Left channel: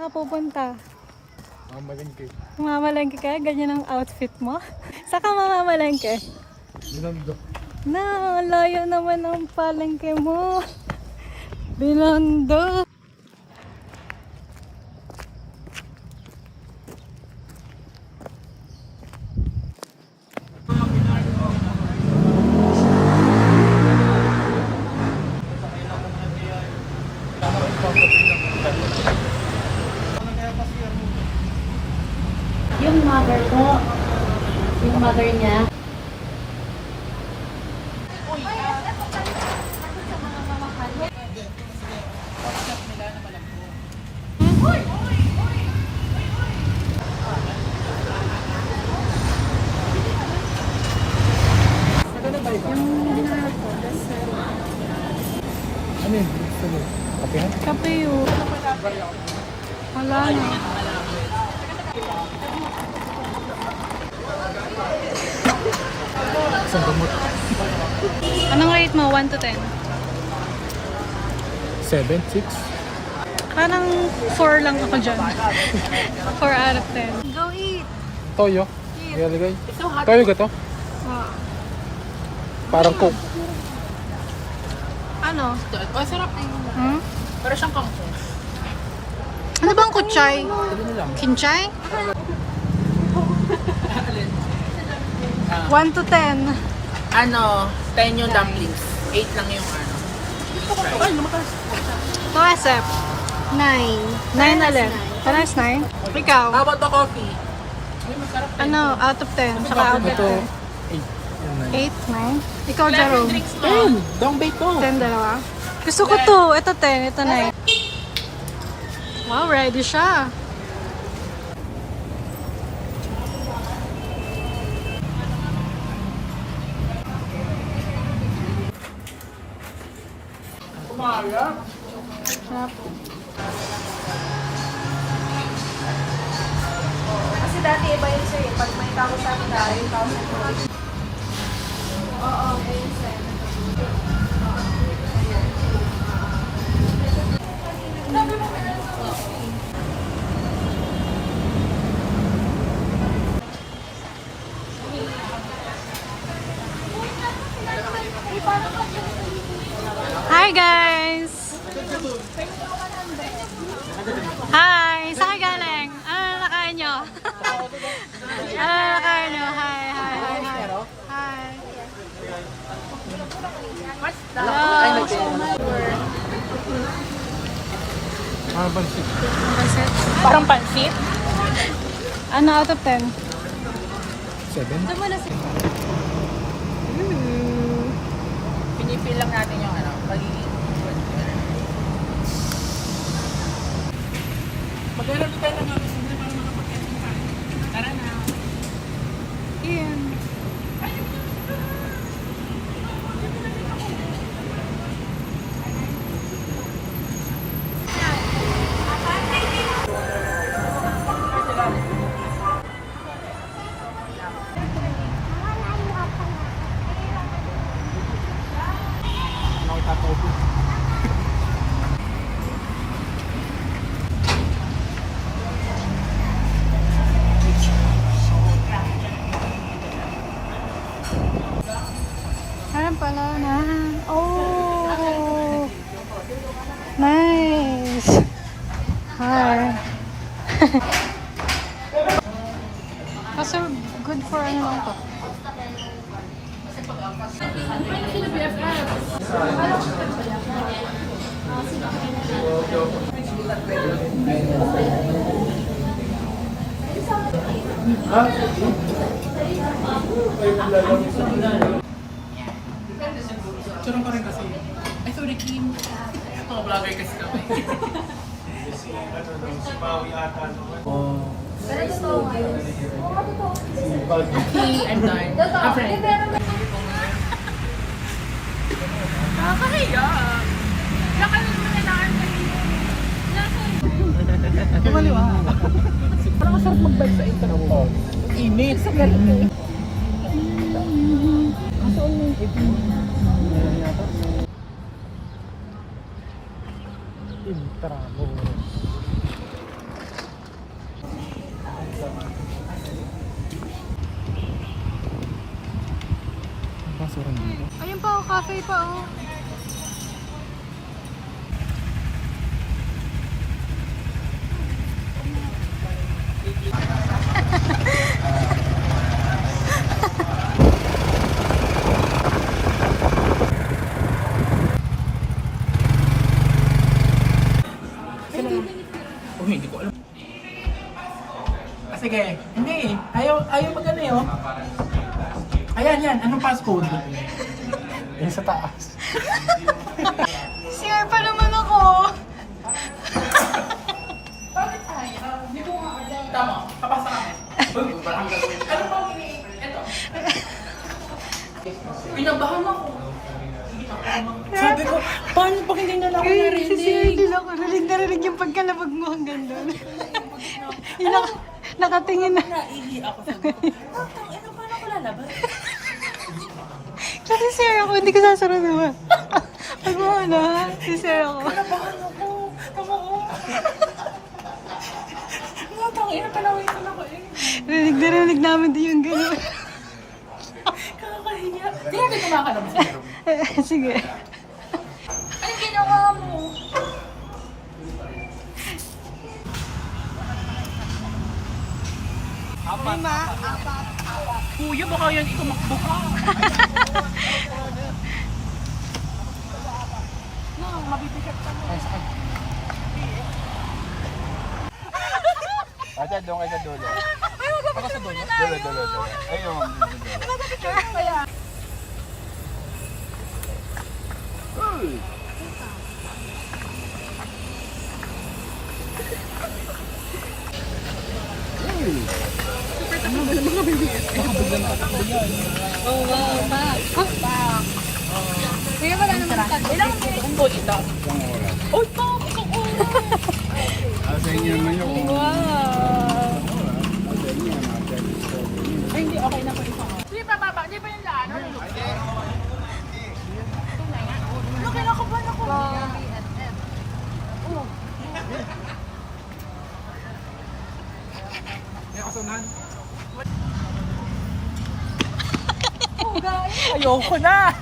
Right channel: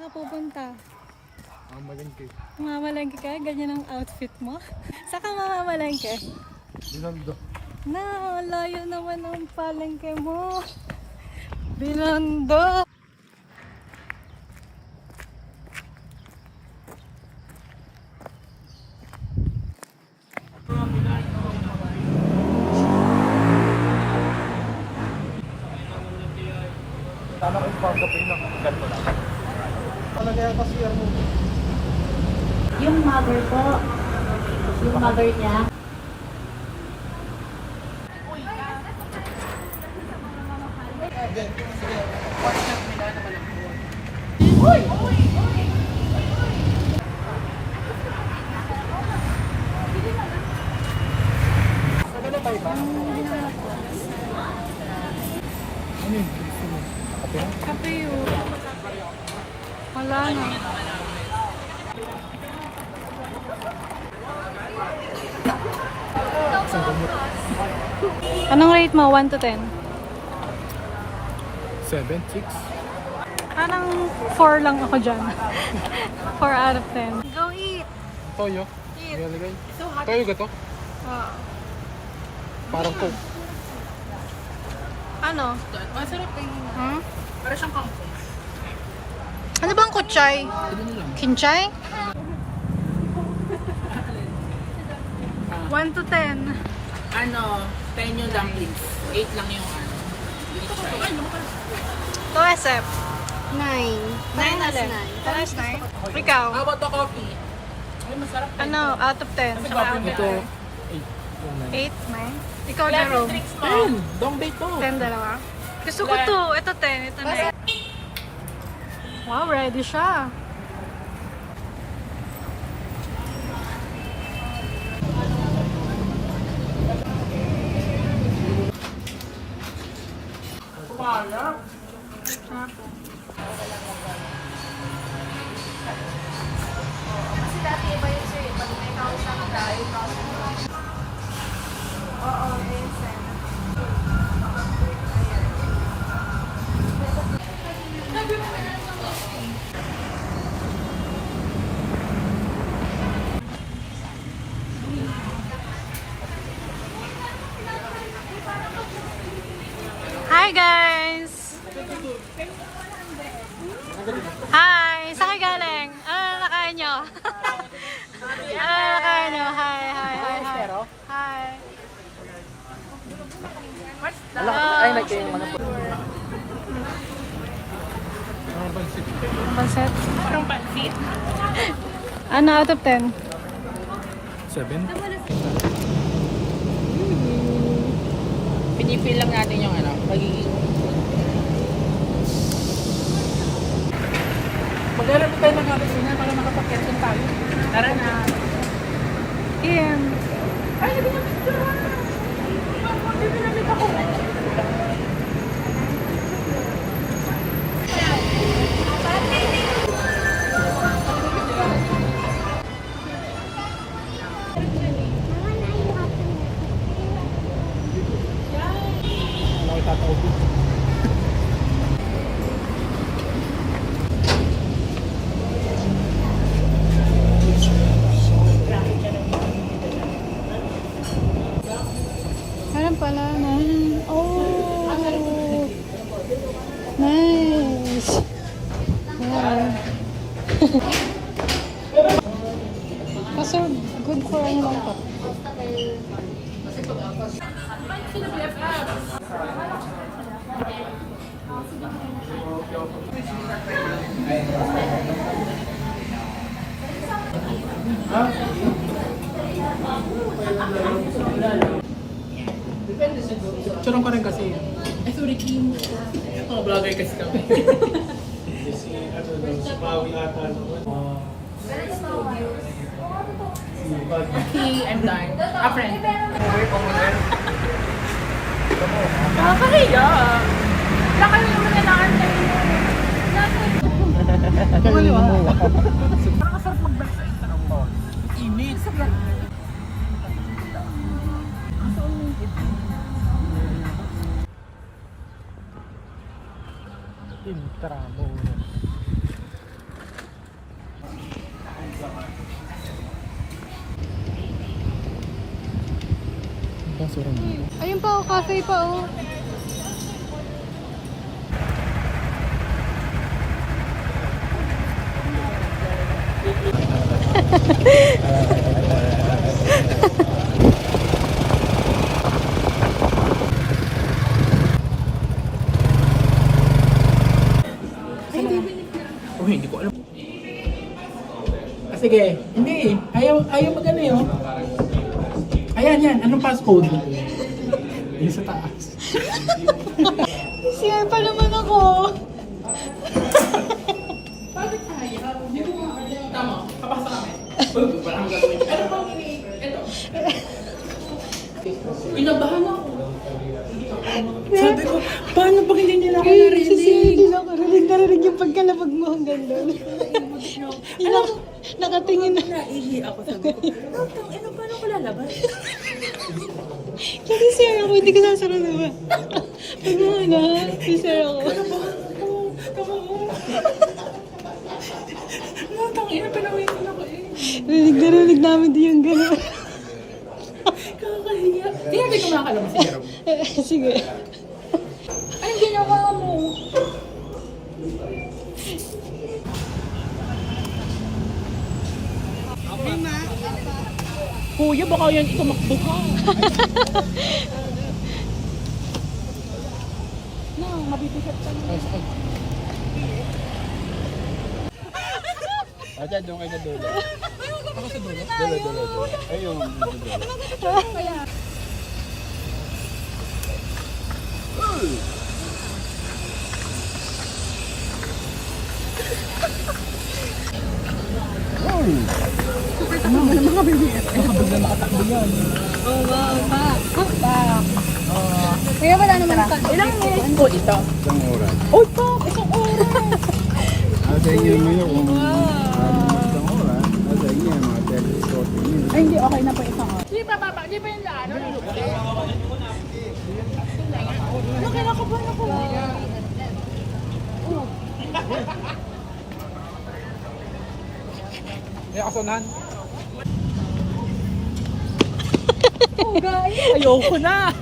Saan ka pupunta? Mamalengke. Mamalengke ka? Ganyan ang outfit mo? Saan ka mamamalengke? Binondo. Na, layo naman ang palengke mo. Binondo. Yung mother ko, yung mother niya. Yung hinahanap ko, bestseller. Ano yun? Okay. Kape yun. Wala na. Isang gamot. Anong rate mo? 1 to 10? 7, 6. Parang 4 lang ako dyan. 4 out of 10. Go eat! Toyo. Eat! Ilalagay. Toyo ka to? Ah. Parang coke. Ano? Masarap yung Hmm? para siyang kangkong. Ano bang kutsay? Sabi na lang. Kinchay? 1 to 10. Ano, 10 yung dumplings. 8 lang yung ano. Please try. To SF? 9. 9 alin? Panas 9? Ikaw? How about the coffee? Ay, masarap. Ano? Out of 10? Saka out of Ito, 10? 8. 8, 9? Ikaw, Jerome? Drinks mo. Dongbay to. 10 dalawa? Gusto ko to. Ito 10. Ito 9. Wow, ready siya. Sarap. Kasi dati iba yun sa'yo. Pag may tao sa akin dahil tao sa akin. Oo, Hi guys! Hi! Saan kayo galing? Ano nakain nyo? Ano nakain nyo? Hi, hi, hi, hi. Hi. Hello! Parang pansit. Ang pansit? Parang pansit. Ano out of 10? 7. Pinipil lang natin yung ano, pagiging... Maglalaro tayo ng halos na para makapag-catch tayo. Tara na. Ian. Ay, hindi na picture. Ano kita to? Ayan pala na. Oh! Nice! Hi! Kaso good for ano lang to. Picture ko rin kasi. Ay, sorry, Kim. Mga vlogger kasi kami. Okay, I'm done. After Nakakahiya. Wala kayo naman nalaan kanina. Wala kayo. Kumaliwa. Parang masarap mag-bike sa internet. Init. Sa galit eh. Kasoon mo yung ito. Intramuros. basura nito. Ayun pa, oh, cafe pa, oh. Oh, hindi ko alam. Ah, sige. Hindi. Ayaw mag ano yun. Ayan, yan. Anong passcode? Yung sa taas. CR pa naman ako. Bakit ayaw? Hindi ko nga alam. Tama. Kapasa kami. Uy, parang gagawin. Ano bang ito? Pinabahan ako. Sabi ko, paano pag hindi na ako Si CR narinig? din ako. Narinig yung pagkalabag mo hanggang doon. Yun ako, nakatingin na. Naihi ako, sabi ko. Tang, ano paano ko lalabas? Kasi CR ako, hindi ko sasaraduhan. Pag mo na, si CR ako. Pinabahan ako. Tama ko. Natang, pinawisan ako eh. Narinig namin din yung gano'n. Kakahiya. Hindi natin kumakalam si Jerome. Sige. Ang ginawa mo? Kuya, baka yan ikumakbo ka. Ate, doon kayo sa dulo. Ako sa dulo. Dulo. Ayun, dulo. Kaya wala naman pa. Ilang minutes po ito? Isang oras. Oh, pa! Isang oras! Sa inyo naman yun kung isang oras. Sa inyo yung mga 10 Ay, hindi. Okay na po isang oras. Hindi pa, papa. Hindi pa yung laano. Lulukte. Tunay nga. Ano, kinakabahan ako. May kasunan. Ayoko na.